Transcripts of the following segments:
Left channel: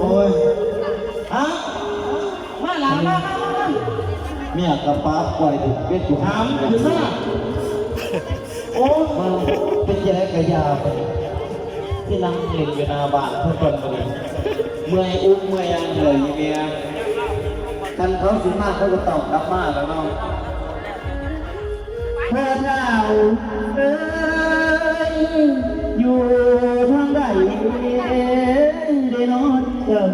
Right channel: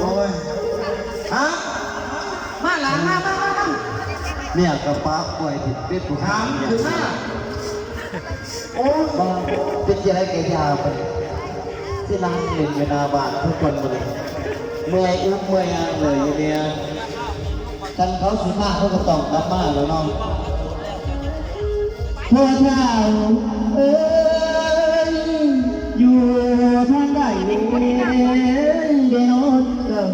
โอ้ยฮะมาหลานมาเมียกับป้าปล่อยผิดเป็นผู้ ถามถึงหน้าโอ้มาเป็นยังไงแกยาไปที่นั่งเล่นอยู่หน้าบ้านทุกคนมาเลยเมื่อยอุ้มเมื่อยยังเลยอยู่เนี่ยกันเขาสูงมากเขาก็ต้องกลับมาแล้วน้องพ่อเจ้าเอ้ยอยู่ทางใดได้นอนกับ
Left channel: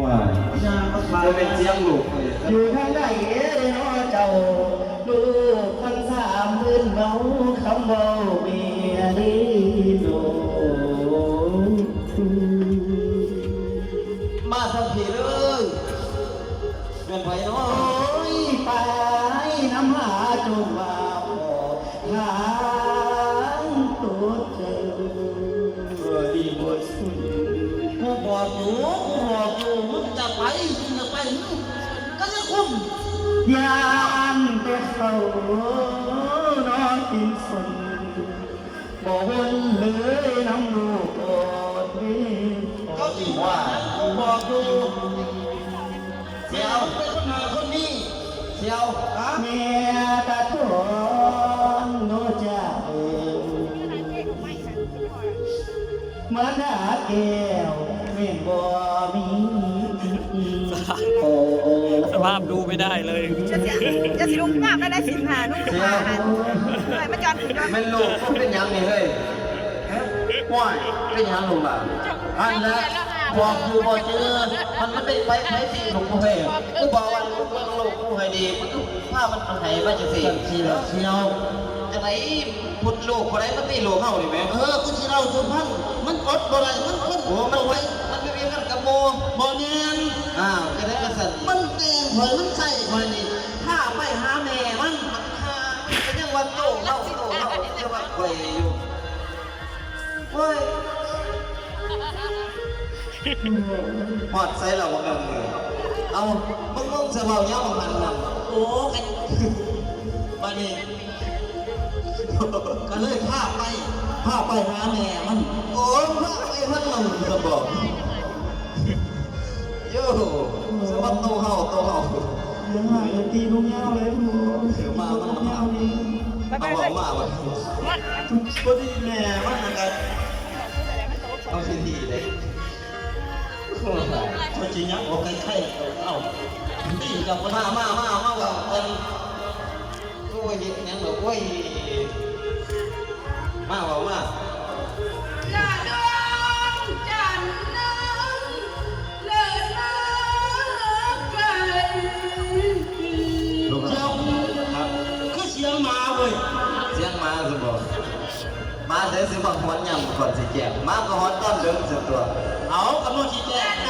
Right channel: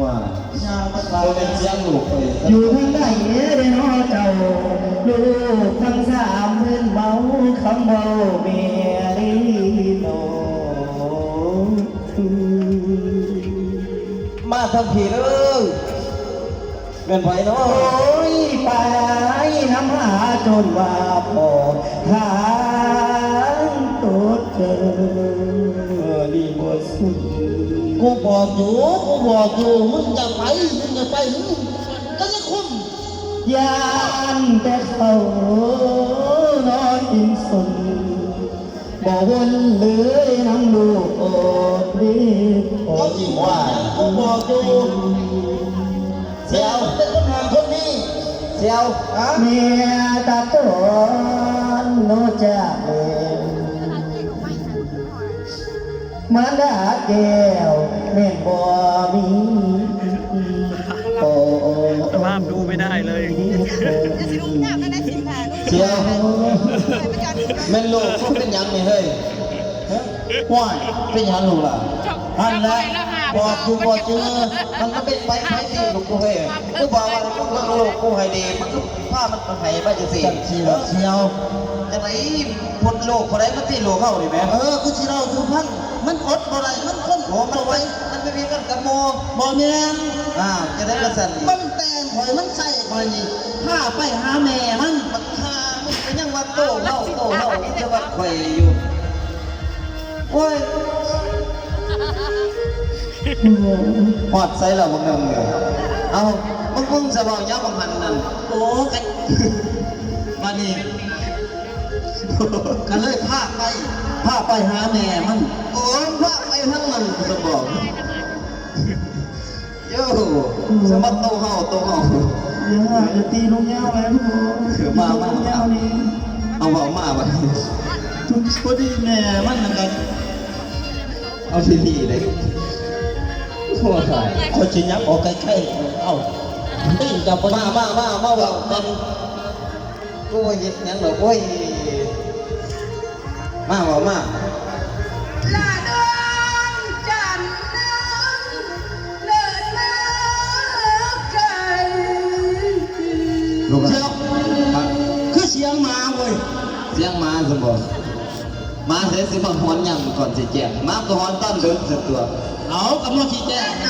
ว่าจะเป็นเสียงลูกอยู่ทางใดได้นอนเจ้าลูกทั้งสามเพื่อนเมาคำว่าเมียดีโนมาทันทีเลยเงินไผ่น้อยไปน้ำหาจนว่าพอทางตัวเธอดีบทสุดกูบอกอยู่มึงอย่าไปมึงก็จะคุ้มยานแต่เขานอนกินสนบอกวนเลยน้ำลูกอดดีเขาจีว่ากูบอกอยู่เสียวเป็นคนงานคนนี้เสียวเมียตาตอนโนจ่ามันด่าแก้วแม่บ่มีโอ้สภาพดูไม่ได้เลยจะสิลุกยากก็ได้สิหาดูเสียวมันจอดถึงแม่ลูกเขาเป็นยังนี่เฮ้ยว้ายเป็นยังลูกล่ะอันละบอกกูบอกเจอมันเป็นไปสิลูกกูเฮ้ยกูบอกว่าลูกกูให้ดีมันผ้ามันให้มาจะสิเสียวจะไหนพุดลูกคนไหนมันตีลูกเข้าดิแม่กูสิเราสุพรรณมันอดบ่ได้มันคนหัวมันไม่มีกันกับโมบ่แม่นจะได้กระสันมันแต่งข่อยมันใส่ข่อยนี่ถ้าไปหาแม่มันถ้ามันเป็นยังวันโตเล่าจะว่าข่อยอยู่โอ้ยหอดใส่เราบังเอิญเลยเอามึงจะเบาเยอะบังมันนั่นโอ้กันมานี่กันเลยพาไปหาแม่มันโอ้พาไปทั้งมันจะบอกโย่สมัติโตเฮายังว่าจะตีลูกยาวแล้วพี่โมมานี่เอาบอกมาแบบทุกพอดีแม่มันยังไงเอาทีดีเลยหัวถ่ายเขาชี้ยักออกใกล้ๆเอาตีนกับมาแบบกันกูว่าหยิบยังแบบโอ้ยมาลาดงจันน้ำเลิศน้ำไก่ลูกเสียงคือเสียงมาเว้ยเสียงมาสมบูรณ์มาเสียสิมาหอนยำก่อนสิแจกมาก็หอนต้นเดิมสุดตัวเอากำลังสิแจกม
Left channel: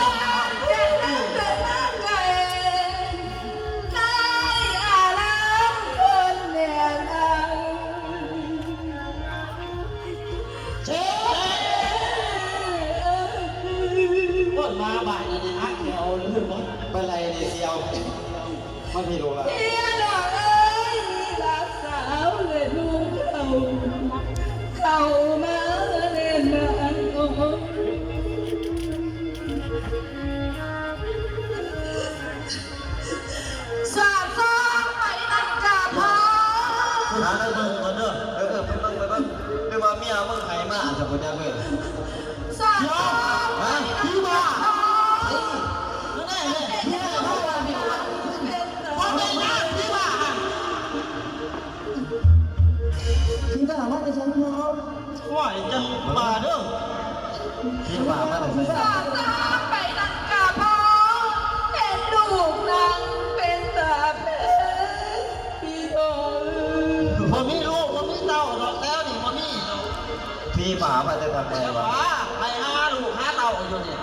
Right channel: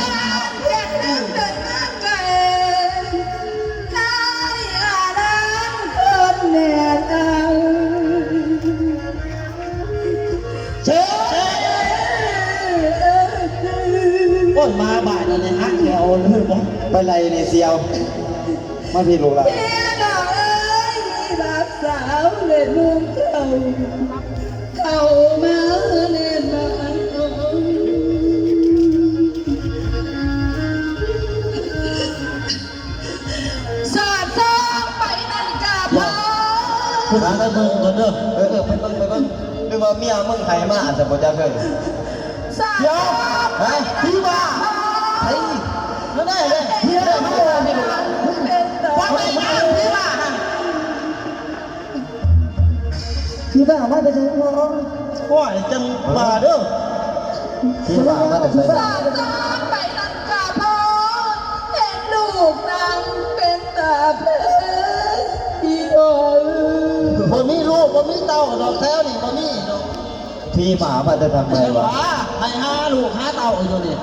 าบ่ายแล้วเนี่ยฮักเดียวเลยบ่ไปไรเนี่ยเสียวมาพี่ลูกละเมียดอกเอ้ยมีบาดสาวเลยนุ่มเข้ามาเล่นมาสาดซ้อมไปนั่นกาพอคุณหาได้เบิ่งก่อนเด้อไปเบิ่งไม่ว่าเมียมึงไห้มาอาจจะบ่จักเลยสาดซ้อมฮะพี่บ้าไอ้นั่นได้เลยพี่ได้มาเลยพี่ว่าไงนะพี่บ้ามาแต่เช้าน้องว่าจังมาเด้อพี่บ้ามาแต่เช้าสาดซ้อมไปนั่นกาพอเห็นลูกนางเป็นตาเพลพี่บอยบ่มีลูกบ่มีเต้าดอกแท้นี่บ่มีดอกพี่บ้ามาแต่ทางไหนวะให้หาลูกหาเต้าอยู่นี่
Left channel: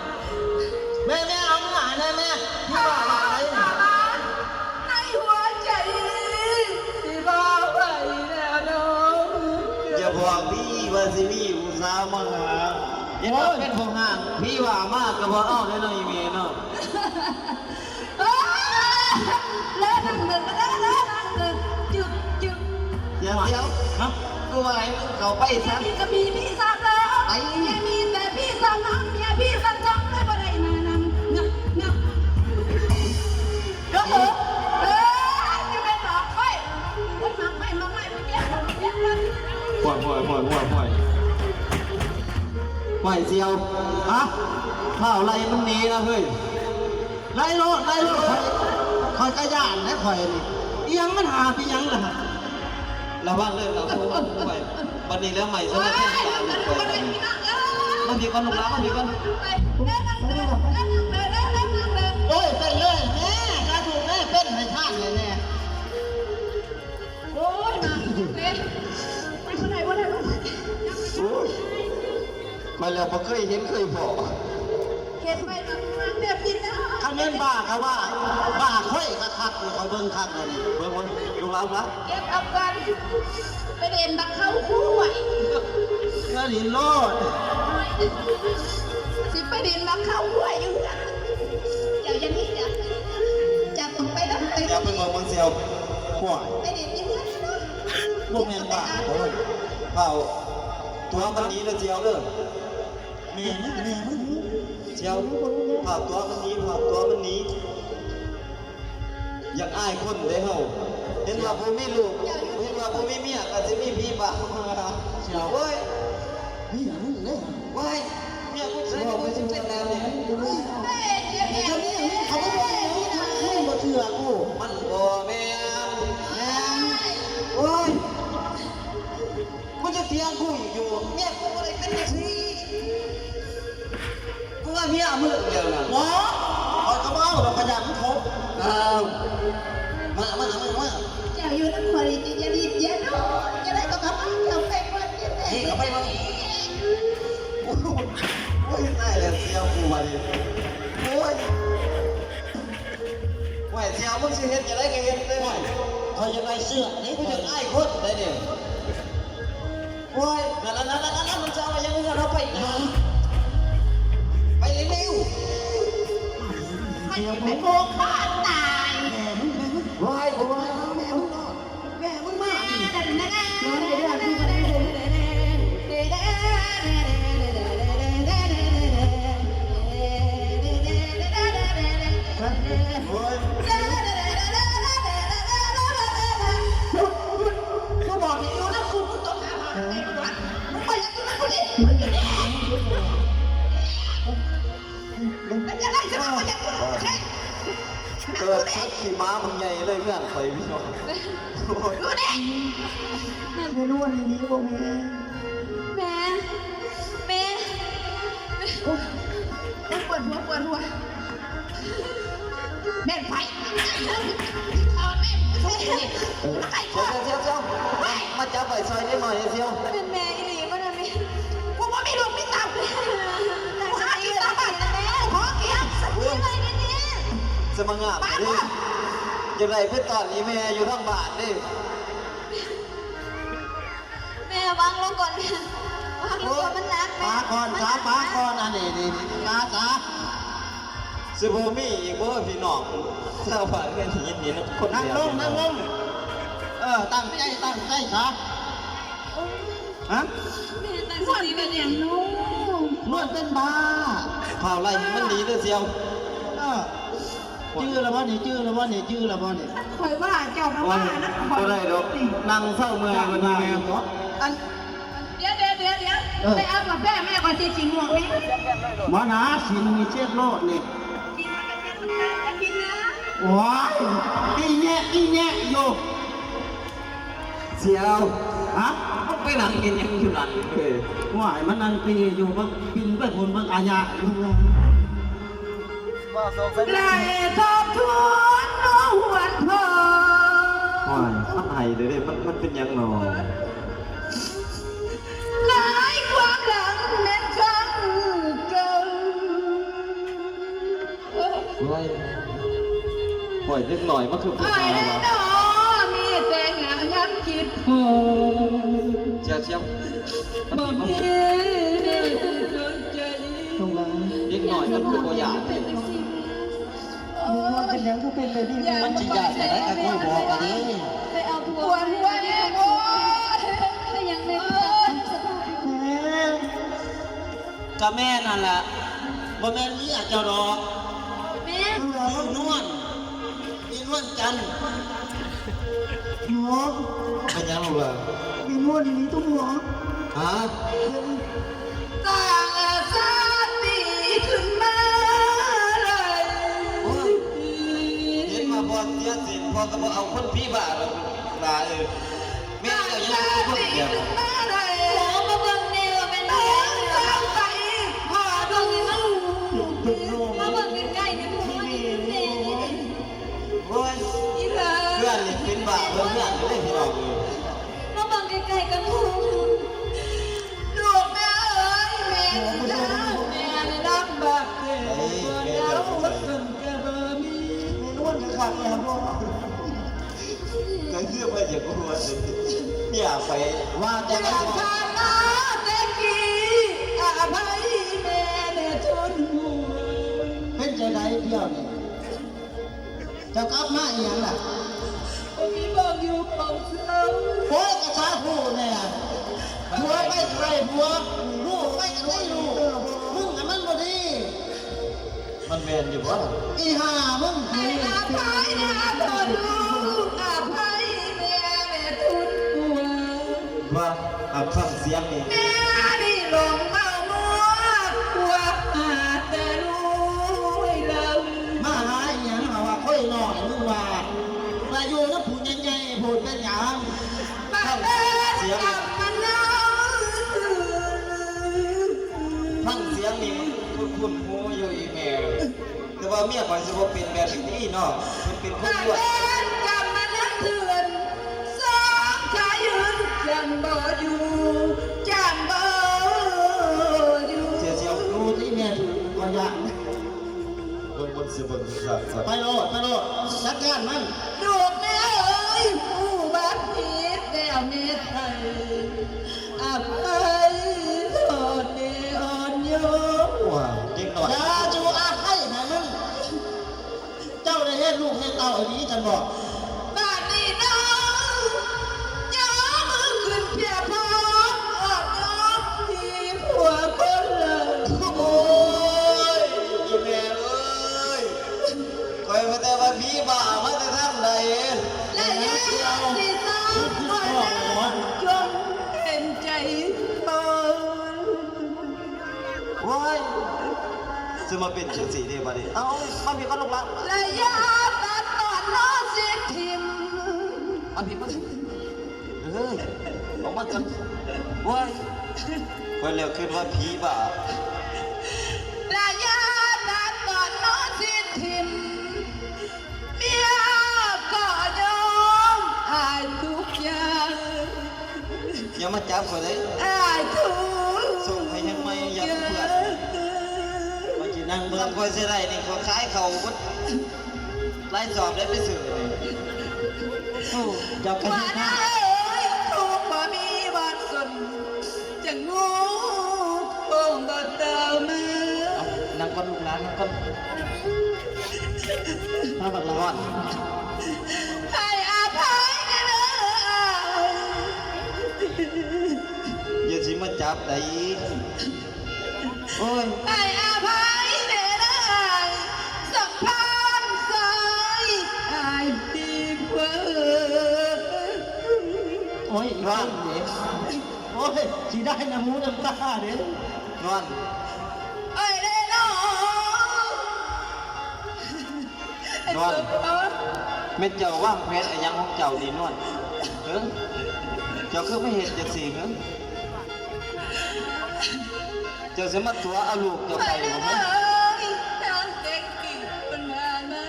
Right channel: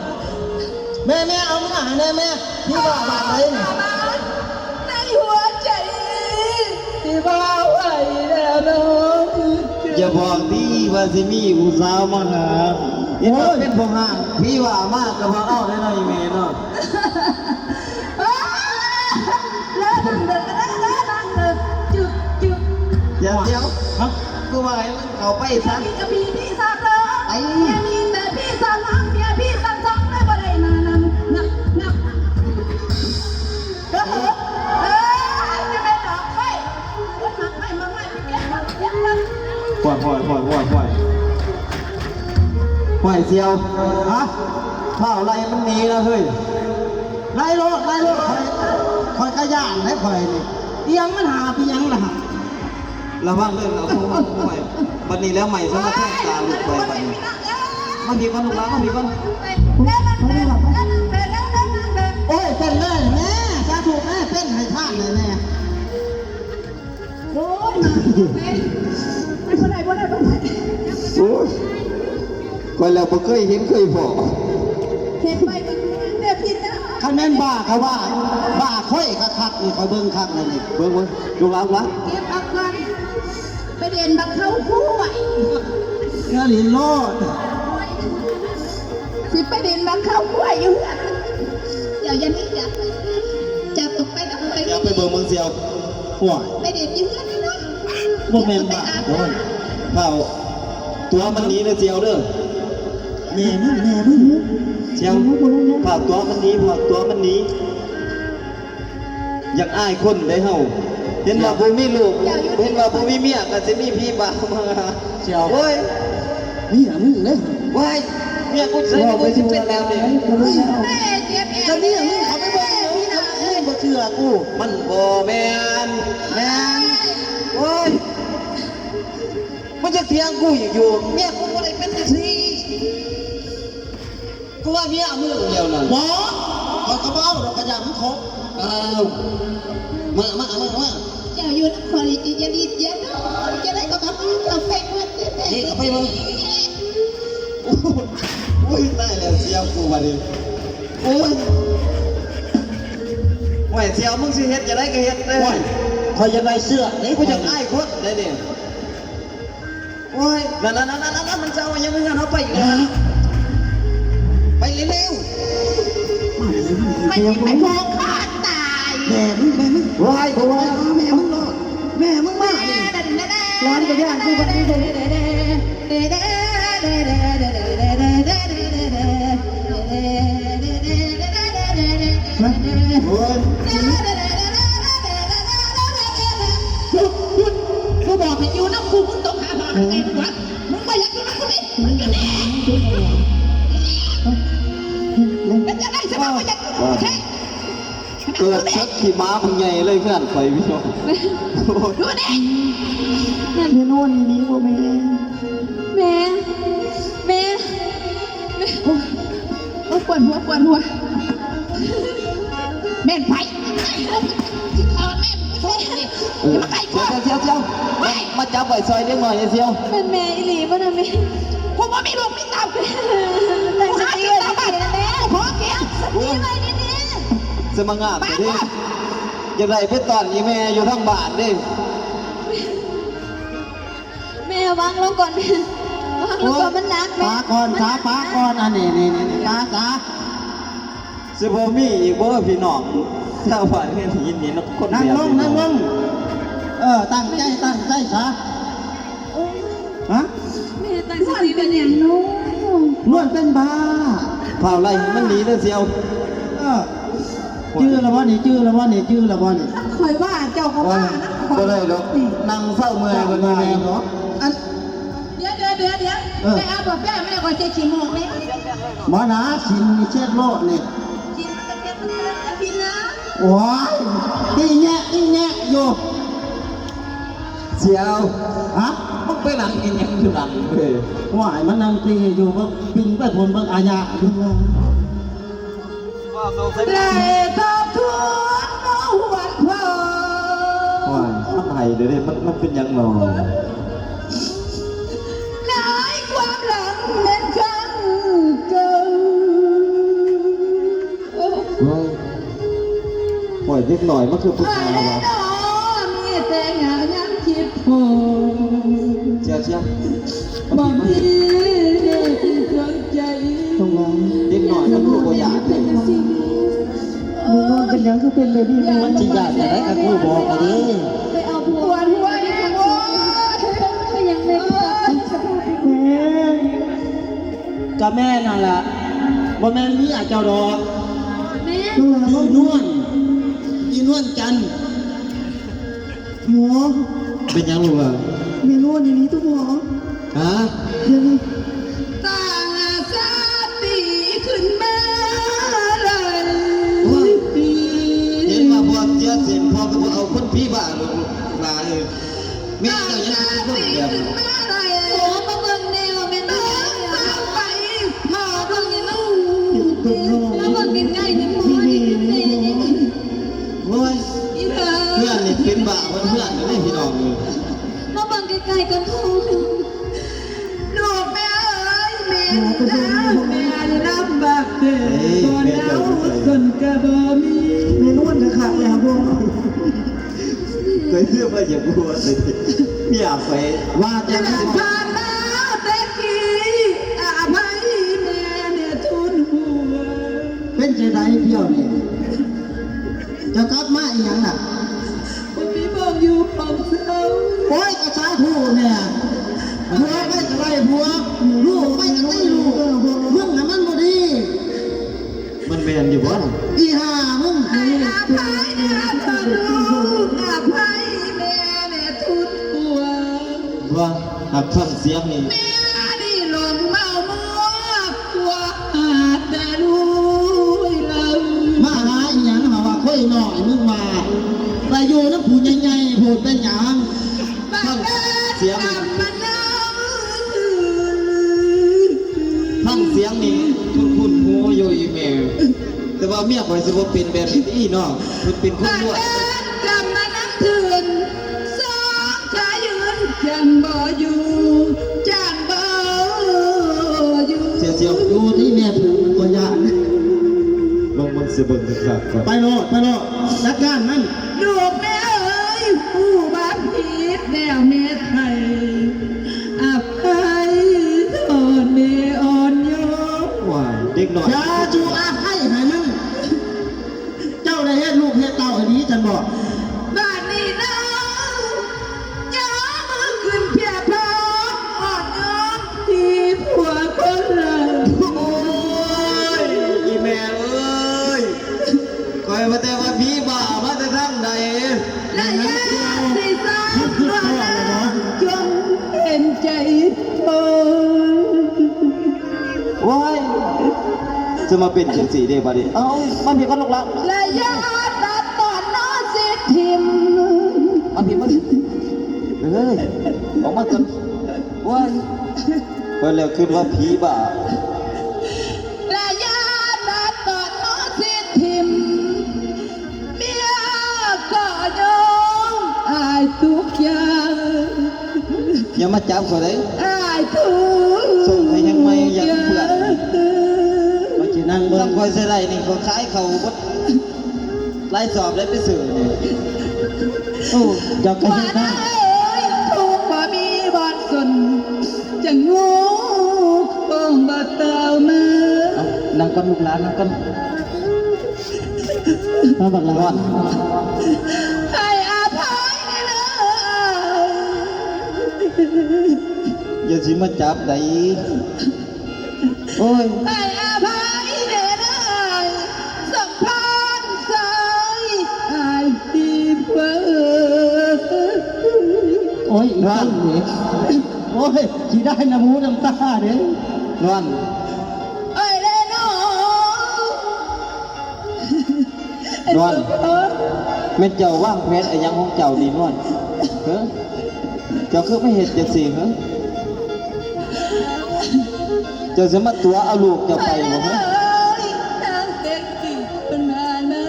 แม่เอามาให้แม่พี่บ้ามาเลยนี่ในหัวใจพี่บ้าไว้แล้วน้องอย่าบอกพี่ว่าสิมีอุตสาห์มาหาโอ้ยเป็นพงห่างพี่ว่ามากกับว่าอ้อได้หน่อยเมย์เนาะแล้วจุดเดี๋ยวครับกูมาให้เขาไปซะจะมีพี่สาวเลยอย่ามีแต่พี่สาวน้องเมียพี่ ไหวเสียวฮะข้าวไรมันหนีนะเฮ้ย ไล่โลดคอยกระย่านให้คอยนี่เอียงมันหาพี่ยังล่ะฮะ ระวังเรื่องเราสู้ใหม่วันนี้แล้วใหม่สำหรับแค่ตาลูกไปมันดีกว่าลูกแล้วมันดีกว่า โอ้ยเป็นเลยแม่สาธุแม่เป็นให้ท่านเลยแม่ โอ้ยมาไม่คนไหนคนไหนคนไหน โอ้ยก่อนแล้วบ่เคยเห็นเคยพอ เห็นไปตั้งวันเด็บยินนะ คันแม่นบ้าเขาว่าบ้าค่อยกระคักนี่เขาเบิ่งคักเลยนี่ เบิ่งลูกแล้ววะ เก็บอักวันไปเด่นบักเข้าคู่ไหว เนื้อลิ้นโลด สิไปเด่นบักเข้าคู่ไหวอยู่อย่ายันนี่จับตกไปแล้วไป อย่าไปเบิ่งมึงเสียว ห่วย ไปเด่นอยู่นั่นนะ บ่แม่นบ้าโอ้ย เปล่าตัวมันหนีเลยเสียวเด้อ แม่มึง เสียวเปล่าตัวมันหนีเปล่าตัวมันหนีอยากอายคนได้เฮาเห็นว่าบ่มีลูกเห็นว่าบ่มีเมียก็สิมีพี่บ่าวมา เจ้า โอ้ย นี่อ่ะมึงเลย ว้ายเมียกูใส่กูสิเป็นแล้วนี่ แม่เจ็บเอ จะ ว มีอย่างนี้เขาไม่บอกอย่างนี้นะแม่บ่เชื่อกู มันบ่แม่น แม่ โอ้ยมันจะเถียงกูอยู่เมียกูบ่ได้เป็นจังซี่กูว่าเมียมึงเดียวนั่น หมอคอยกระเบ้าเราขยันเขา อ้าว มา เจ้าอยู่นักควายจะรีดเย็นจะได้ก็กลับเจ้าเป็ดมันเจ็บเอ นี่ ว เอาไปมึงโอ้ยได้แล้วเสียวกูมาดิโอ้ยไหวเสียวมึงสิเฮ็ดจะได้ก็เฮ็ดเด้ โอ้ยคอยจะได้เสื้อนี่ กู กู จะ จะ อ้ายคนได้ดิโอ้ยนั่นมันจะเอายังไงเอาไปอีกแล้วไปเร็ว ไม่ไปโผล่ขาดตาย แม่มึง ๆว้ายกูว่า แม่มึงรอดแม่มึงมากนี่ร้อนจะได้กูก็ได้เลยโอ้ย กูบอกให้อยู่น้ำกูมึงต้องหาหาเองวะมึงไปยังที่มันกูดิมึงอยู่นี่เป็นยังไงใช่ไหมมันยังกูใช่ เกิดเช็คขี่ม้ามึงใหญ่เลยเพื่อนคอยพี่น้อง ดูดิ เดี๋ยวโน่นนี่กูแม่ แม่โอ้ยปวดหัวแม่นไปเสียวมาจับไว้ซอยได้หน่อยเสียว เป็นแม่อีหลีป่ะนั่นนี่กูว่ามีลูกมีเต่าแต่สติเลยบ้านแม่พอเกียร์สติเลยนี่ สมังงามดิอย่างไรเพื่อตอนนี้แม่อยู่ทั้งบ้านดิ แม่วางลงก่อนแม่วางลงก่อนมันหนักแม่ ป้าก่อนอันนี้ป้าจ๋า สิบ่มีอีกบ่พี่น้องชาวบ้านเฮ็ดยินดีนะคน นั่ง เดียว ลงตั้งใจซะฮะ แม่ตั้งสติเป็นอย่างนู้ นวดเป็นบ้า เผาไล่มันหนีเลยเสียว ชื่อละบ่นี่ คอยว่าเจ้าก็ว่านะคอย ก็ได้ดอกนั่งเศร้าเมื่อยกว่านี้แม่ เนาะอัน เดี๋ยวไม่เอาแบบแม่ก่อนจะชิมหมวกเลย หมอนาสินมีเช็ดโลดนี่ ชิมมันเป็นจะกินนะ โอ้ยอีแงะอยู่ เสียว ฮะ มึงไปนั่งกินยังอยู่หลังเลย ว่ายมันนั่งปลีอยู่ก็บินไปผลบางอาญาดู ว่าเขาเขา ไล่ทบทวนน้องวันพ่อ โอ้ยมันไห้เดี๋ยวนี้มันเป็นยังหรอ หลายความหลังเล่นครั้งเก่า โอ้ยปล่อยนิดหน่อยมันคือผู้ ไอ้ ชาย แน่ วะ นอมีแต่งานย้ำคิดพอ เชียว บ่มีดวงใจ ตรงนั้น นิดหน่อยมันคือตัวอย่าง เป็นยังก็เป็นเลยนี่มันจิยากแต่ได้กูบอกกันดิ ไปเอาผัวหัวเองโอ้ยก็ยังไม่ตัดสภาพ แม่กับแม่นั่นแหละบ่แม่นนี่อาจจะรอ แม่ อีนวลจันทร์หมอ เป็นยังลูกเหรอ มีนวลอย่างนี้ทุกหมอ ฮะ เดี๋ยวนี้ ต่าง มาเบิ่งใกล้ๆนี่พ่อ ทีวี นี่ นี่ นี่ โอ้ย อีเธอ เพื่อนนี่เป็นบ้าเพื่อนกันเลยพี่น้องเลย มาเบิ่งใกล้ๆกันพ่อลูกแม่เอ้ยแม่จ้าแม่ได้รับบาดเจ็บตัวแล้วสันกะบ่มี ในนวลจะขาดแล้วพ่อ เคยเชื่อว่าอย่ากลัวเลยพี่อยากไป ว่าจะ จะ ไม่ ผ่านมาแต่กี้อภัยแม่เนี่ยทุนหัว เป็นใจใดเที่ยวนี่จะกลับมาอีหยังล่ะ ผมมีบอกอยู่ของเขา โอ้ยกระชาทูเนี่ยผัวไม่กระไรผัวลูกไม่กระไรลูกมึงน่ะมันบ่ดี มันแมนอยู่วะ อีห่ามึง ให้อภัยนะเธอลูกอภัยแม่เนี่ยทุนหัว ว่าหักฟังเสียงนี่ แม่นี่หลงเมามัวกลัวหาแต่รู้เรา มาหาอีหยังหาว่าค่อยหน่อยมึงว่าแต่อยู่น้ำผู้ใหญ่ๆพูดเป็นหยัง บ้านเดินกลับมาเล่า ฟังเสียงนี่คุณหูอยู่อีแมวแต่ว่าเมียข่อยสิบ่เป็นแบบนี้เนาะเป็นคน บ้าน รวย เดินกลับมานั่งเถื่อนสองขายืนจังบ่อยู่จังบ่อยู่ เสียเสียว ดูที่แม่ถูกตัวอย่าง ลงมันสิเบิ่งครับ ไปโลดจัดการมัน ลูกแม่เอ้ยผู้บ้านผิดแนวเมตไทยอภัยทนเนอ่อนโยน ว่าเด็กน้อย อย่าจูอาให้ให้มึงเจ้าได้เฮ็ดลูกเฮ็ดเต้าอันนี้จันบอก บ้านนี้น้องย้อมือขึ้นเพียพร้อมอ่อนน้อมที่ผัวคนเรา โอ้ยอีแม่เอ้ยคอยว่าแต่ว่าพี่บ้ามาแต่ทางไหน และยาสีสานก็แล้วจงเห็นใจเธอ โอ้ยจะมาเป็นจังสี่เด้บัดนี้ เอามันผิดกันลูกละ และยาตัดตอนน้อสิทิม มันผิดมันผิด เอ้ยออกมาจังโอ้ยก็แล้วคิดว่าผีบ้า และยาตัดตอนน้อสิทิมเมียก็ยอมอายทุกอย่าง อย่ามาจับเขาเลย อายทุก ส่งให้ยังไม่อยากเพื่อน มันจะนั่งเบิ่ ต้อง งคอยเสยไรนี่เขาขายเขาบดไล่สอบได้ไปสื่อนี่ โอ้เจ้าก็ ว่า เฮ็ด ได้ ได้ เอ้ยทุกบ่มีบ่อนสนจะงูคงบ่เติมมือ เอานั่งกันลูกหลานนั่งกันมาบักละวัน ให้อภัยนะเด้อ อย่าสิมาจับได้โอ้ย ให้อภัยเด้อนะสัมพันธ์ใจอายดีกว่า โอ้ยอีกคนนี่โอ้ยสิได้น้ำหูน้ำตาเด้อน อน เอ้ยเด้อน้อง นอนแม่เจ้าว่างแผนอะไรยังของเจ้านี่นอนเฮ้ยเจ้าคือไม่เห็นจังสี่เฮ้ยเจ้าสมาตัวเอาลูกเจ้าไปบ่เฮ้ย ทางเด็กกี่คนมานะ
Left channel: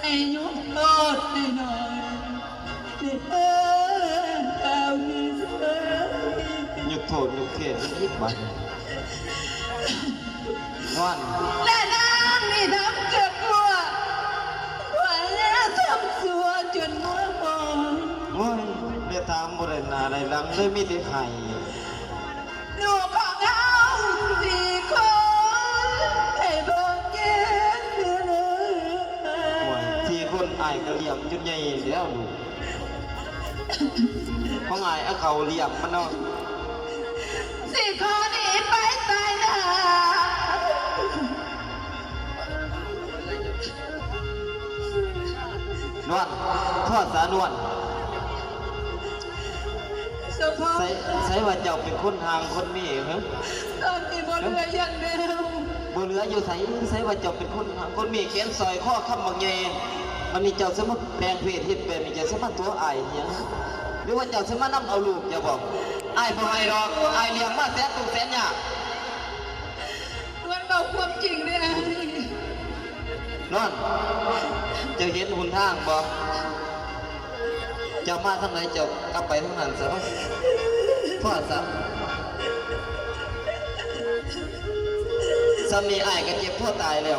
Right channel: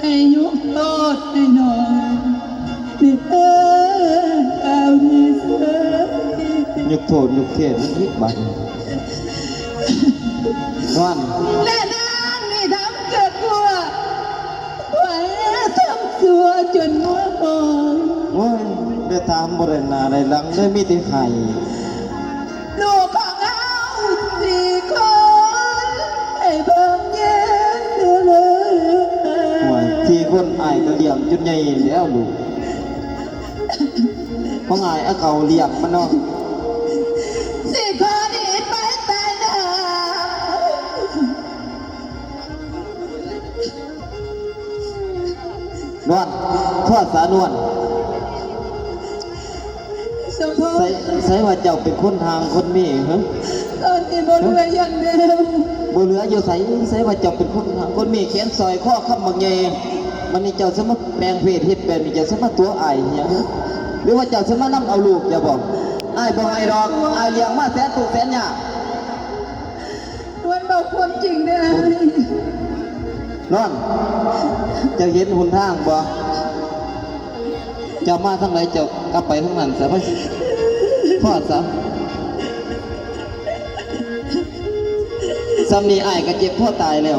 ให้ยุบโทษให้น้องนี่เอาดีเสีย ยกโทษยกเทศนิดบัดนอน และนางนี่ทำเกิดวัวว่าทำสัวจนมัวมอง โอ้ยได้ตามบริณาได้หลังได้มีแต่ไข่ ลูกของเราสี่คนให้เบิ่งแย่เลย ห่วยที่คนอายก็เลี้ยงจนใหญ่แล้วลูกของอายเอาเขาเลี้ยงมันเนาะ สี่คนหนีไปตายหน้าน วลทอดสานวล สมพง ใส่ ษ์ ใส่ว่าเจ้าเป็นคนทางคนมีเหรอ ตอนนี้บนเรือยังเดิม บ่เหลืออยู่ใส่ว่าเจ้าเป็นคนทางคนมีแขนซอยข้อคำบางแยมันนี่เจ้าสมาแปลงเพศเฮ็ดแบบนี้เจ้าสมาตัวอายเหียงหรือว่าเจ้าสมานำเอาลูกอย่าบอกอายบ่ให้ดอกอายเลี้ยงมาแสนตุกแสนยาก ว วนบอกความจริงได้ไอ้ นอนจะเห็นหนทางบ่จะมาทางไหนจะกลับไปทางนั้นซะพ่อซะซ้ำนี้อ้ายก็เจ็บพ่อตายแล้ว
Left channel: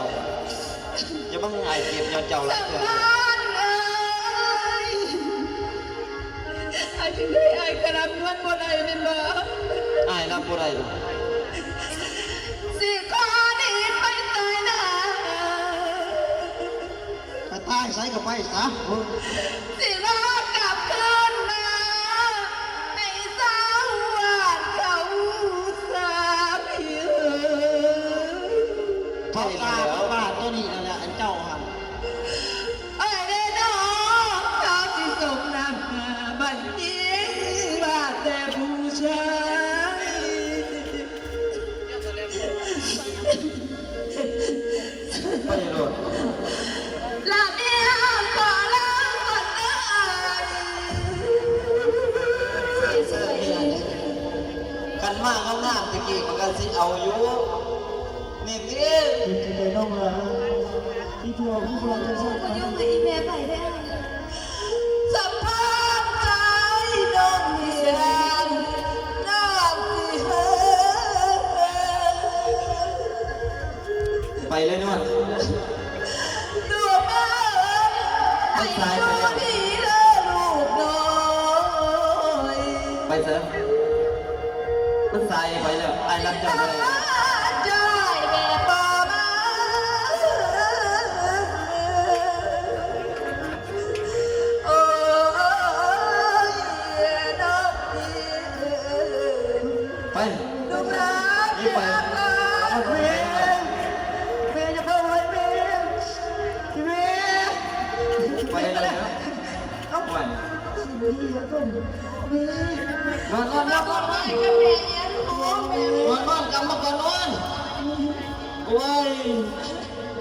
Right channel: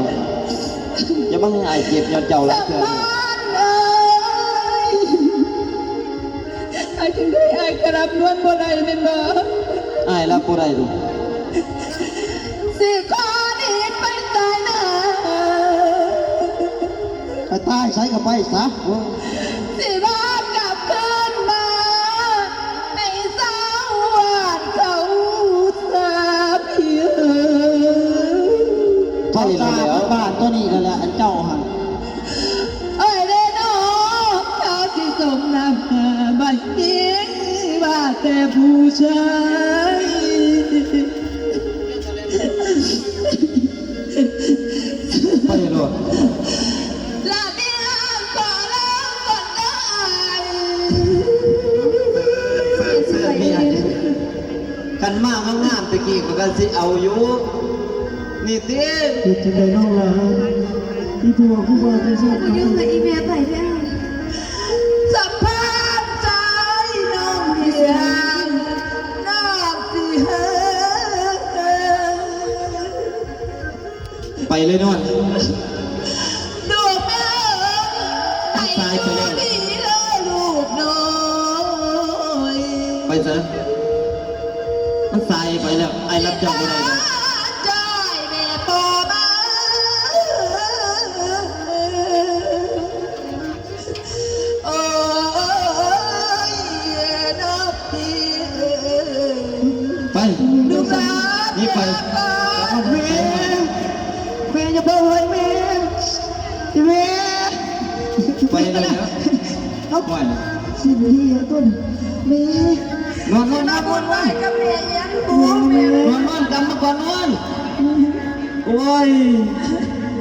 อย่ามาให้อ้ายเจ็บอย่าเจ้าละเจ้า ไอ้ถึงได้ไอ้กระรับนวลบ่ได้เป็นบ่ อ้ายรับบ่ได้ลูก สิขอดีไปตายหน้า ไปตายใช้กับไปซะ สิรอบกลับคืนมาให้สาวหวานเขาสาเพีย ทอดตาบ้านตัวนี้นั่นแหละอันเจ้าหัน เอ้ยเด้อน้องเขาสิส่งน้ำหาบัดนี้ว่าแต่ผู้ชาย ไปโดด ลาเมียขอลาก่อนนะกันมากงามๆตะกี้ก็สิเอาอยู่นี่ติ คิดถึงในน้องลาที่ผัวผู้ว่าจะชอบ ยุ่งกับอีเมียไผ่ได้ สัมภาษณ์ใจน้องเดียนน้องสิเฮ ไปเลยนวล ดูแม่ให้ดูดีเลยลูกน้อย ไปซะมันสายไปแล้วอ้ายรับเจ้าบ่ได้ ใจแม่ต่อมาโอ้ยน้องพี่ ไป ลูกหลาน นี่ไป เมียเมียจะเพิ่มไว้เมียเมีย ไปเลยนะ เขา ไป สิบเฮียต้นเมีย นอนนอน น้า นะ บุญไหวกับแม่ยังหัวแม่ นอนนอนกลับมาก่อนนอนโอ้ย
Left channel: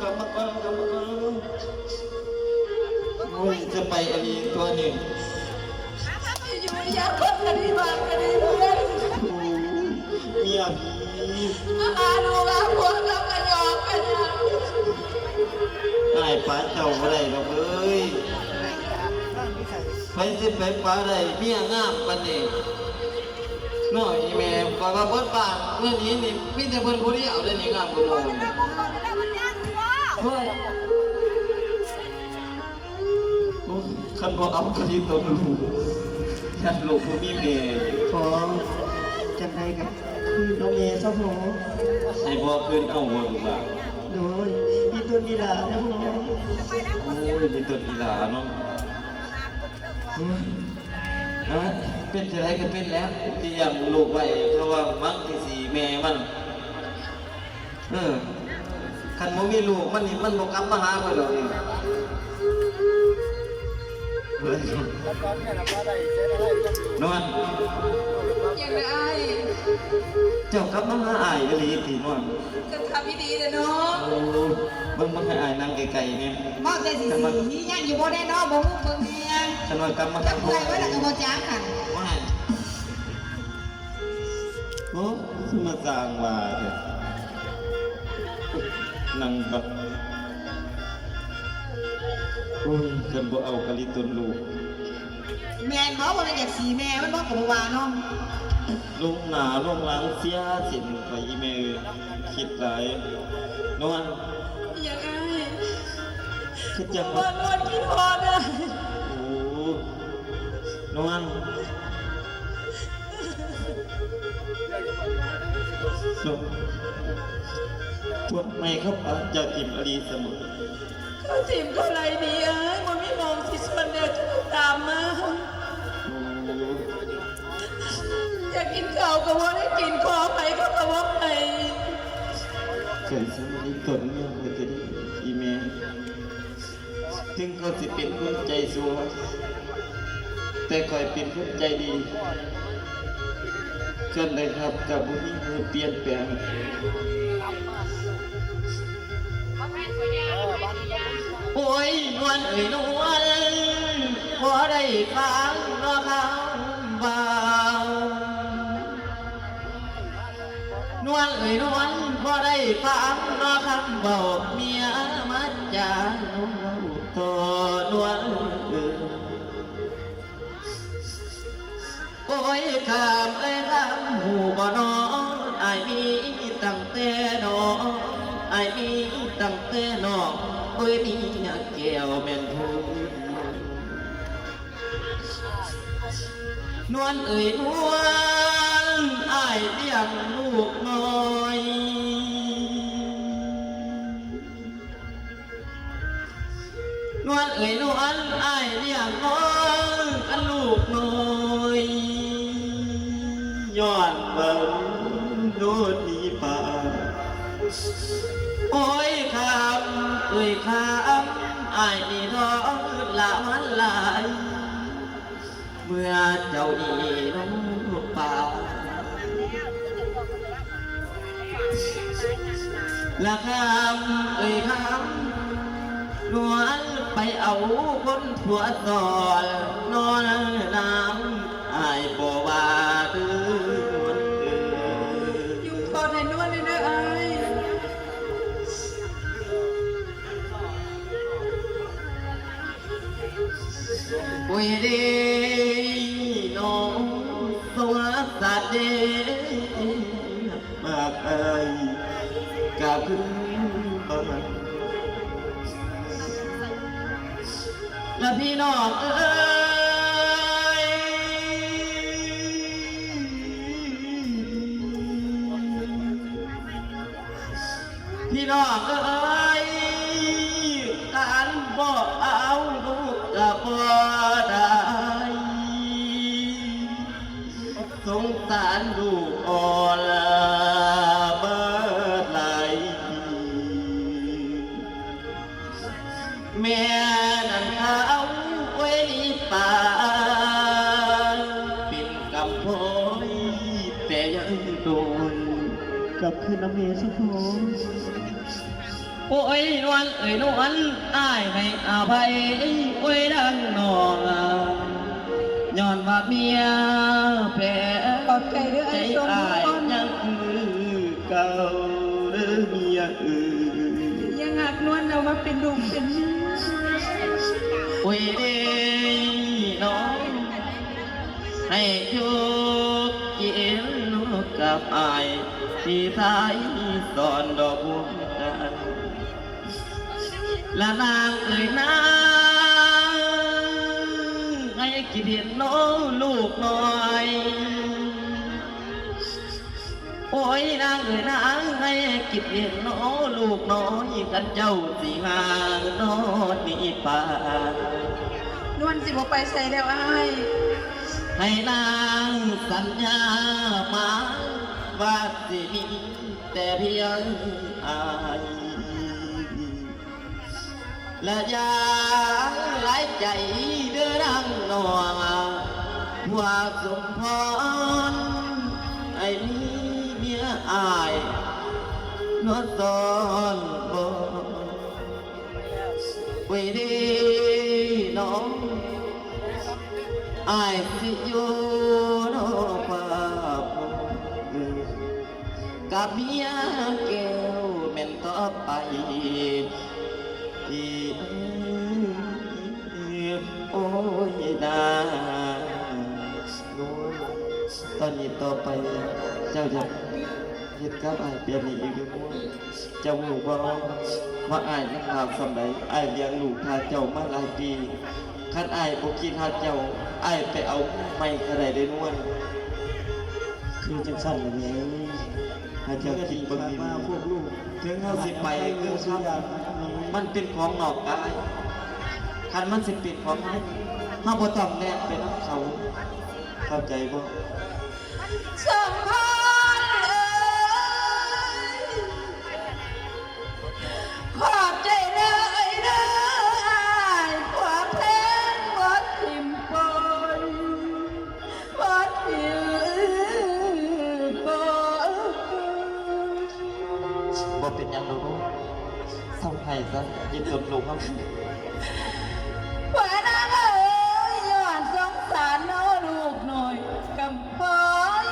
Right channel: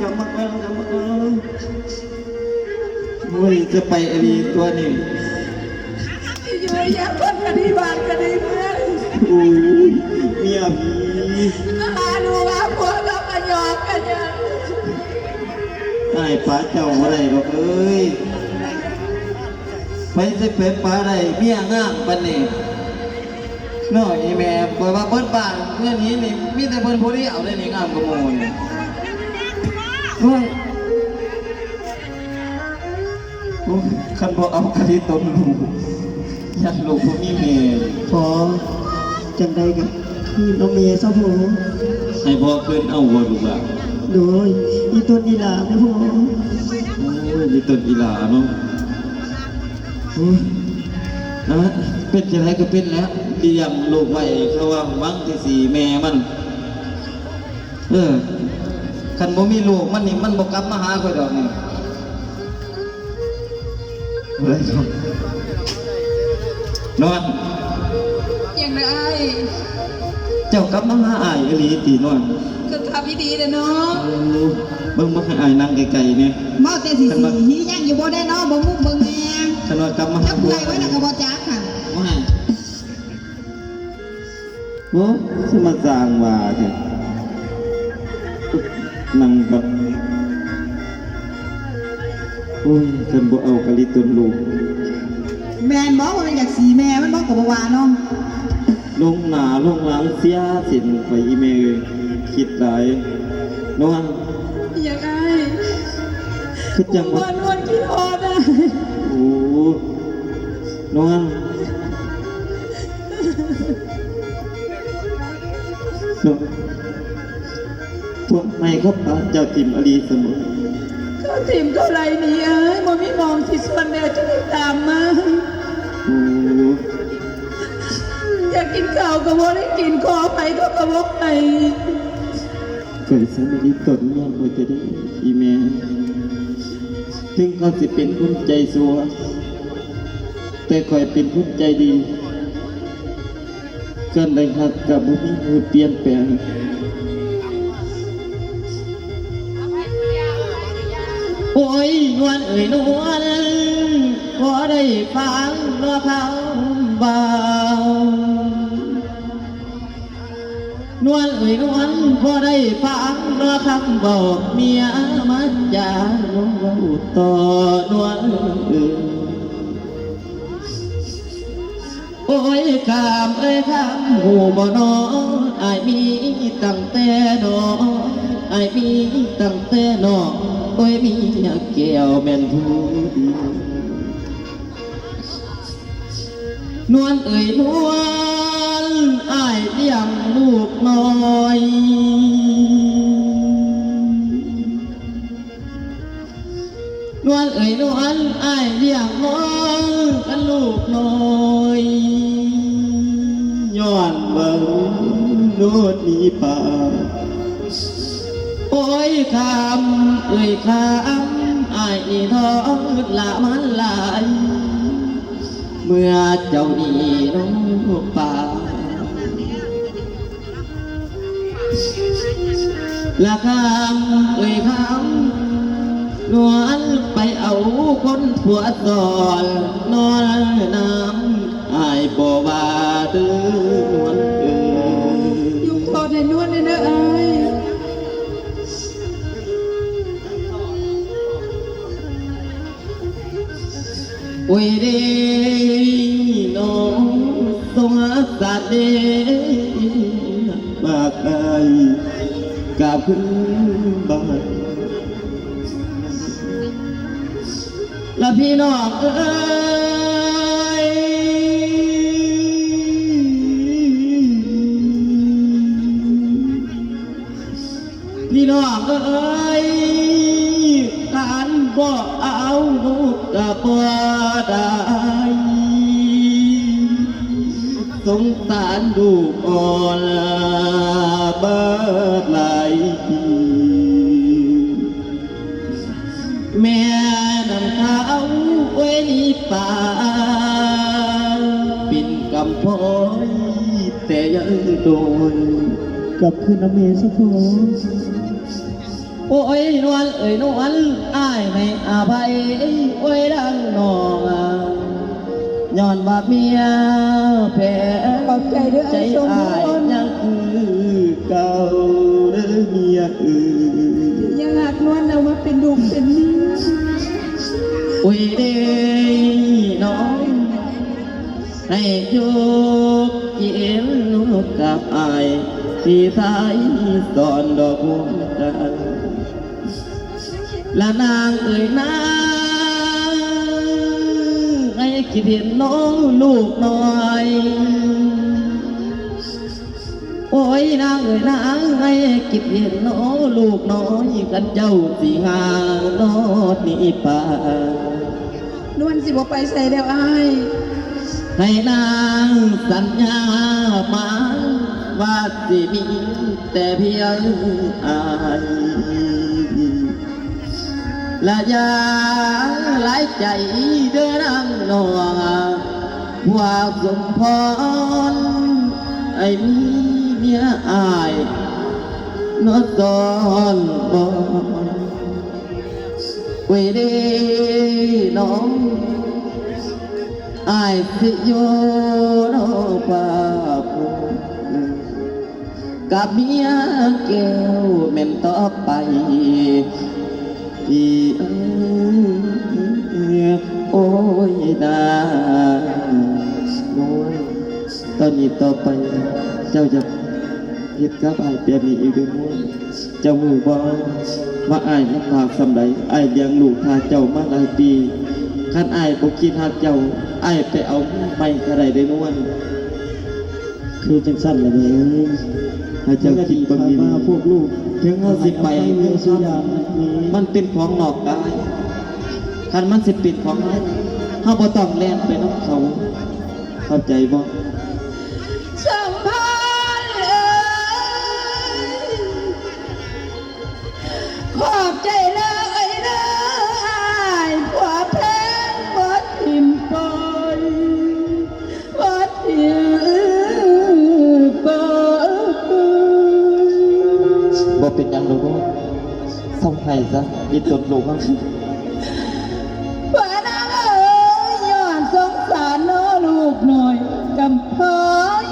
กลับมาก่อนโอ้ยจะไปอะไรตัวนี้ อยู่ยังคนคดีบานคดีเพื่อน โอ้ยเมียผี อาดูว่าผัวกับกันยอกกันยัง ไอ้ป้าเจ้าอะไรหรอกเอ้ยไปสิไปป้าได้เมียงามปันนี่น้อยแม่ปล่อยว่าเพิ่นบ้านเนี่ยนี้นี่มีแต่เพิ่นผู้เดียวได้นี่งามกว่าหมู่นี่โอ้ยโอ้ยคันบ่เอาคดีตนลูกยันลูกบ่มีแม่ ขอจังใดกันที่น้องเมียซะผม ให้พ่อขึ้นเอาบ่ลูกหล่ะ โดยอีตัวนี้ล่ะนะผม โอ้ยมีต้นอีหลาเนาะโอ้ยนะเป็นจังไดก็เป็นแล้วเลี้ยงลูกไว้เขาว่ามังที่สี่แม่มันคันบ่มีลูกมันนี่มันบ่กลับมาหาเพิ่นดอกนี่เฮ้ยนอน ยังไง เจ้ากลับมาหาอ้ายอีหลีตินอน ก็ทำดีเลยเนาะ โอ้เบิ่งบ่ให้อ้ายนั่งไกลๆนี่ เมาแต่สีหียังอยู่บ่ได้เนาะบ่มุกบ่แง คันว่ากลับมา จะ หา เปื่ ลู อก ยไว้แล้วก็บ่จักค่ะ ว่าโอ้สิมาสร้างว่าเถอะนั่งบัดโอ้ยเพิ่นบ่เอากะลิตนลูก แม่นบ่ว่ามันอยากสีแม่มันบ่ก็บ่ว่าเนาะ ลงหนาลงหลังเสียสินไปอีเมลคิดหลายนวล ยังไง คือจัง วั ว่าน วันคิดฮอดอ่ะ โอ้นวลพวกไม่ครับป้าเจ้าจิมอลีเสมอ เขาทีมเขาไรนี่เอ้ยมันไม่มองสิส่วนแม่จะได้ตามมา โอ้ อยากกินข้าวก็บ่ได้กินขอไปก็กระบอกไป เกิดสมัยตนเนี่ยคอยจะได้อีเมลถึงเขาสิเป็นคนใจสัวแต่คอยเป็นคนใจดีกันเลยครับกับบุญมือเปลี่ยนแปลงโอ้ยนวลเอ่ยนวลพอได้ฟังรอเขาเบา นวลเอ่ยนวลพอได้ฟังรอคำบอกเมียมาจาน้องต่อนวลโอ้ยคำเอ้ยคำหูบ่น้องไอ้มีตั้งแต่น้องไอ้มีตั้งแต่น้องโอ้ยมีแก้วแม่นผู้นวลเอ่ยนวลอ้ายเลี้ยงลูกน้อยนวลเอ่ยนวลอ้ายเลี้ยงน้อยกันลูกน้อยย้อนเบิ่งโนดมีป่าโอ้ยคำเอ่ยคำอ้ายนี่ท้องละมันหลายเมื่อเจ้าดีน้องป่าละคำเอ่ยคำนวลไปเอาคนผัวซอนนอนน้ำอายบ่ว่าเดือนวลยุ่งโทษให้นวลเลยนะไอ้โอ้ยเด้น้องสงสารเด้มากอายกาพึ่งบ้านและพี่น้องเอ้ยพี่น้องเอ้ยทานบ่เอาลูกกับบ่ได้สงสารลูกอ่อนเบิดหลายปีแม่นั่นเขาไว้นี่ป่าปิ่นกำพอยแต่ยังโดนกับคืนน้ำเมสะพงโอ้ยนวลเอ่ยนวลอ้ายให้อภัยโอ้ยดังนองย้อนว่าเมียแผล ขอบใจด้วย ใจ ไอ้สม อ้าย บูรณ์ ยังคือเก่าเด้อเมียยังหักนวลเรามาเป็นดุมเป็นนี้ โอ้ยเด้น้องให้โยกเย็นลูกกับอายที่สายสอนดอกบัวกันและนางเอ่ยนางให้คิดเห็นน้องลูกน้อยโอ้ยนางเอ่ยนางให้คิดเห็นน้องลูกน้อยกันเจ้าสิหานอดนี่ป่าน วลสิบ่ไปใส่แล้วไอ้ ให้นางสัญญามาว่าสิมีแต่เพียงอายและอย่าหลายใจเด้อนางนวลว่าสมพรไอ้มีเมียอายนอดก่อนบอกเวเดน้องอายสิอยู่นอกป่าพงกับเมียแก้วแม่นต่อไปที่โอ้ยนาโน้ยตอนนี้ต่อไปเจ้าจะเฮ็ดกับอายเปลี่ยนนี้อีกด้วยมั้ยเจ้ารู้บ่ว่าอายลำบากสำใดอายเลี้ยงลูกทาเจ้ามาหลายปีคันอายบ่คิดหาเจ้าอายไปเอาไม่ก็ได้ได้นวลคือจังซั่นล่ะแม่ถ้าเจ้าคิดบ่ดีพวกลูกถึงเฮาสิไปคือสุยานมันเป็นของนอกกายคันมันสิเป็นของในเฮาบ่ต้องแล่นไปนำเขาเข้าใจบ่ สัมพันธ์เอ้ยขอบใจเลยนะไอ้กว่าเพลงบ่ทิมปล่อยบ่ทิมปล่อย บ่เป็นหยังดอกลูกเศร้าไห้ซะอย่าตดลูกครับ ว่านางเอ๋ยย้อนสงสารน้อลูกหน่อยกำพร้อย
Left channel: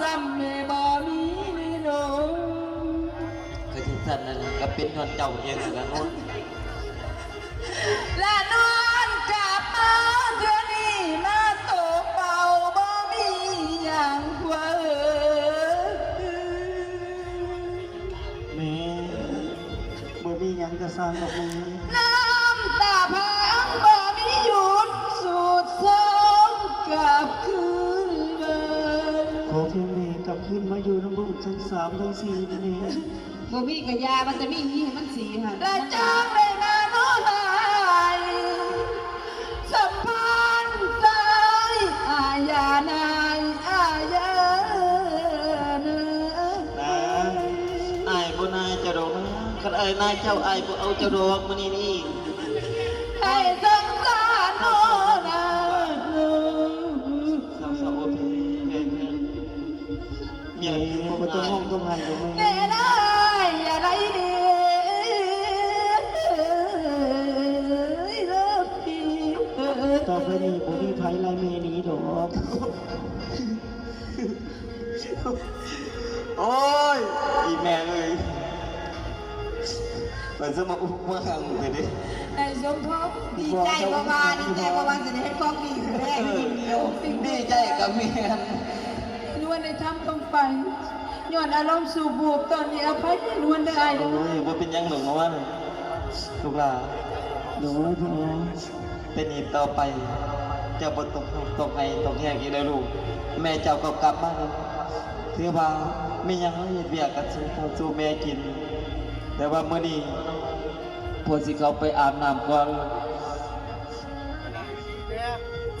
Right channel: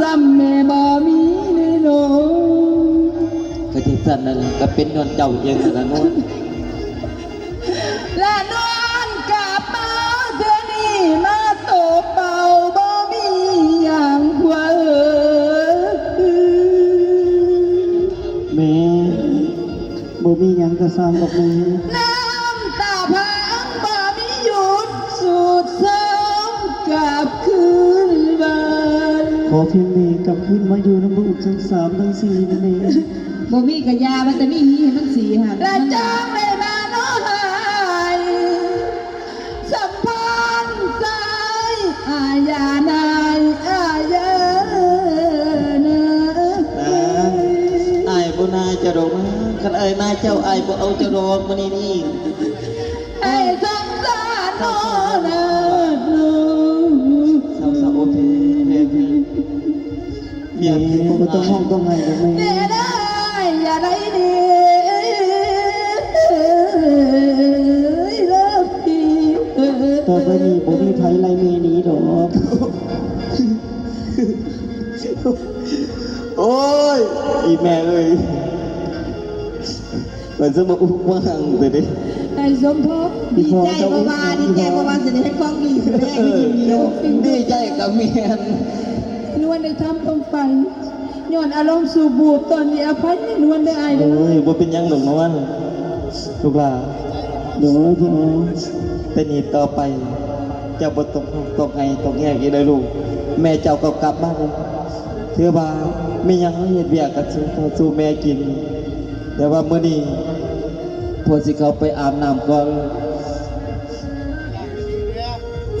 ซ้ำแม่บ่มีในโลก ที่สั่นนั่นแหละก็เป็นเงินเจ้าเองนั่นละโน้น และนอนกลับมาเดี๋ยวนี้มาโตเป่าบ่มีอย่างว่า แม่บ่มีหยังจะสร้างกับแม่ น้ำตาพังบ่มีหยุดสูดซ้ำกลับคืนบ้าน ขอเพียงแม่กลับขึ้นมาอยู่น้ำลูกทั้งสามทั้งสี่นั่นเอง บ่มีกะยามันจะมีหีให้มันสีค่ะ และจางได้มาโน้หายสัมพันธ์ใจอาญานายอาญาเนอ อายบ่นายจะดอกนะคันอายนายเจ้าอายบ่เอาจะดอกมื้อนี้นี่ ให้สงสารโน้นะ สาวๆโอเคเพลงเมีย แม่บ่ต้องห้องต้องไห้กับแม่ เดี๋ยวได้อย่าได้ดีเลิกดี ต่อไปนี้บ่มีไผไล่แม่หนีดอก โอ้ยอีแม่เลยมันสมองว่างไปดิ ไอ้สมภพ ดีใจบ่ว่าดีใจบ่ว่าจะได้ให้ความดีคือแม่ไม่เดียว ดีใจกับเมียน นวลได้ทำต้องไปย้อนอารมณ์สูบบูบตอนนี้อภัยนวลได้อายเล โอ้ ย ยบ่เป็นหยังหรอกนะวันลูกหลาน โดยพ่อ เป็นอีกต่อไปเจ้าบ่ต้องให้ต้องแยกอีกเลยลูกแม่เจ้าก็กลับมาแล้วถือว่ามีหยังเฮ็ดเวียกกันสู่แม่กิน แต่ว่ามื้อนี้พวกสิเขาไปอาบน้ำก่อน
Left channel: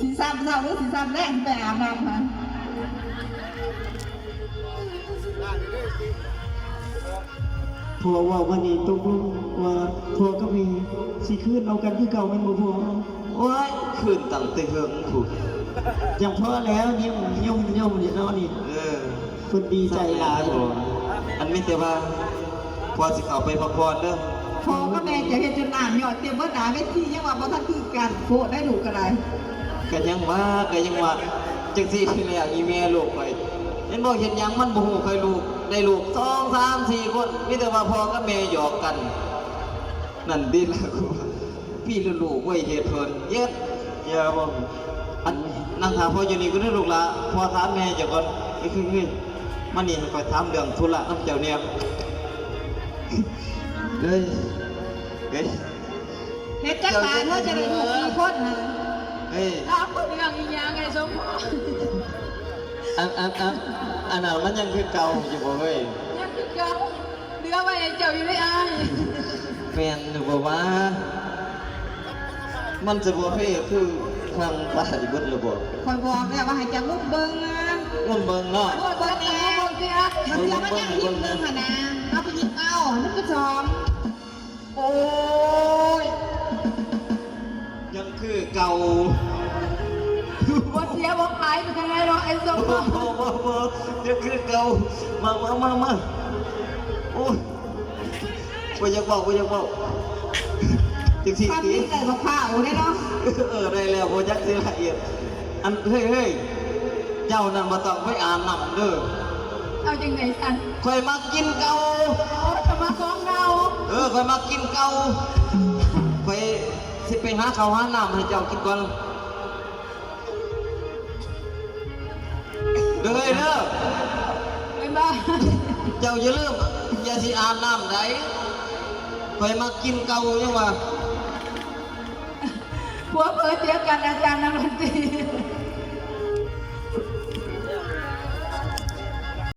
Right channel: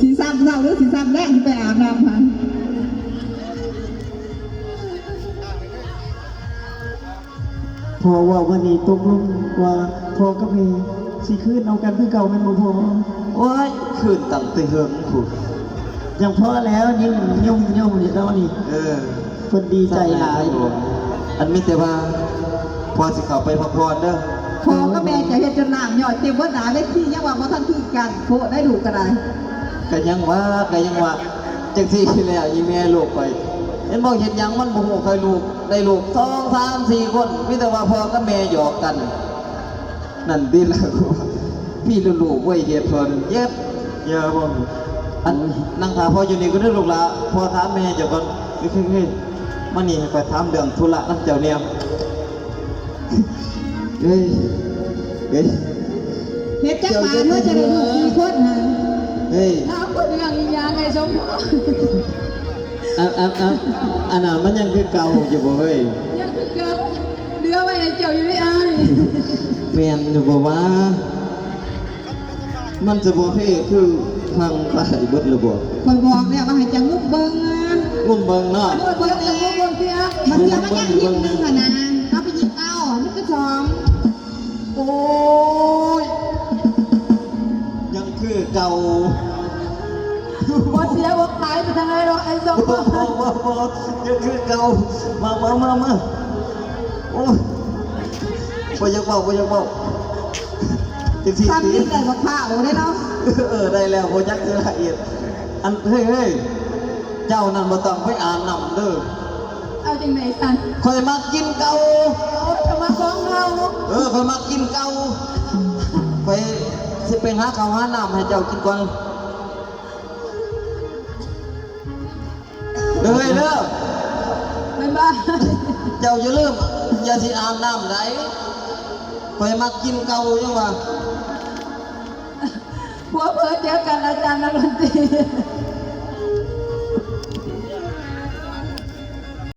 สีซ้ำเศร้าหรือสีซ้ำแรกไปอาบน้ำค่ะ พ่อว่าวันนี้ตกลงว่าพ่อกับแม่สิคืนเอากันคือเก่าแม่นบ่พ่อ โอ้ยคืนตั้งแต่เฮิงพุ่น อย่างพ่อแล้วยิ้มย่อมอยู่แล้วนี่ เออ เพิ่นดีใจหลาย อันมีแต่ว่าพอสิเข้าไปพักผ่อนเด้อ พ่อก็แม่จะเฮ็ดจนหน้าหยอดเต็มเบิดหน้าเวทียังว่าบ่ทันคือกันโคได้ดูก็ได้ ก็ยังว่าจังซี่ที่แล้วอีเมียลูกไปเห็นบ่เห็นหยังมันบ่ฮู้เคยลูกได้ลูก2 3 4คนมีแต่ว่าพ่อกับแม่หยอกกัน นั่นดิล่ะพี่ลูกๆไว้เฮ็ดเพิ่นเย็บเยอะบ่อันนั่งถามพ่ออยู่นี่ก็ได้ลูกละพ่อถามแม่เจ้าก่อนคือมานี่ให้ไปถามเรื่องธุระนำเจ้าเนี่ยเฮ้ย เฮ็ดจักบาทเฮาจะได้ลูกกี่คนน่ะ เฮ้ย ถามคนอย่างอีหยังไอ้สมภพ อันนั้นมันยังคือเก่าอยู่บ่เฮ้ย ยังคือเก่าเดือไว้ให้เจ้าอยู่ได้อาย แฟนอยู่บ่ว่า มันจะบ่ให้คือทางตายเบิดหรือบ่ คอยบอกแล้วว่าให้จะงุบเบิ่งนะ งุ่มเบิ่งเนาะ โอ้ยเบิ่งแต่เบิ่งเสีย มันเสียมันยังยิ้มนึงค่ะนะเอาไปยิงเอานึกก็สอง โอ้ยยังคือเก่า บ่เสียบ่ขายไปทางไหนหรอกไอ้สมภ บ่ พ ยังคือเก่ามาโอ้ยบ่อยากเว้าจังซี่ ความ ติ คิดได้บ่ข้าวได้เนาะ ได้แล้วบ่ยักสิละเอียดอันเฮ้ยเจ้านั่นบ่ต้องไปอ่านนำเด้อ เอาจังไหนสัน ข่อยมากินเก่า เอาจะมาของเรา ข่อยมากินเก่าข่อยสิไปหาข้าวหาน้ำให้เจ้ากินก่อนเด้อเด้อ บ๊ายบาย เจ้าอย่าลืมอย่าสิอาบน้ำได้ข่อยมากินเก่ายังว่า ผัวเผยเดียวกันอาจารย์นักดนตรี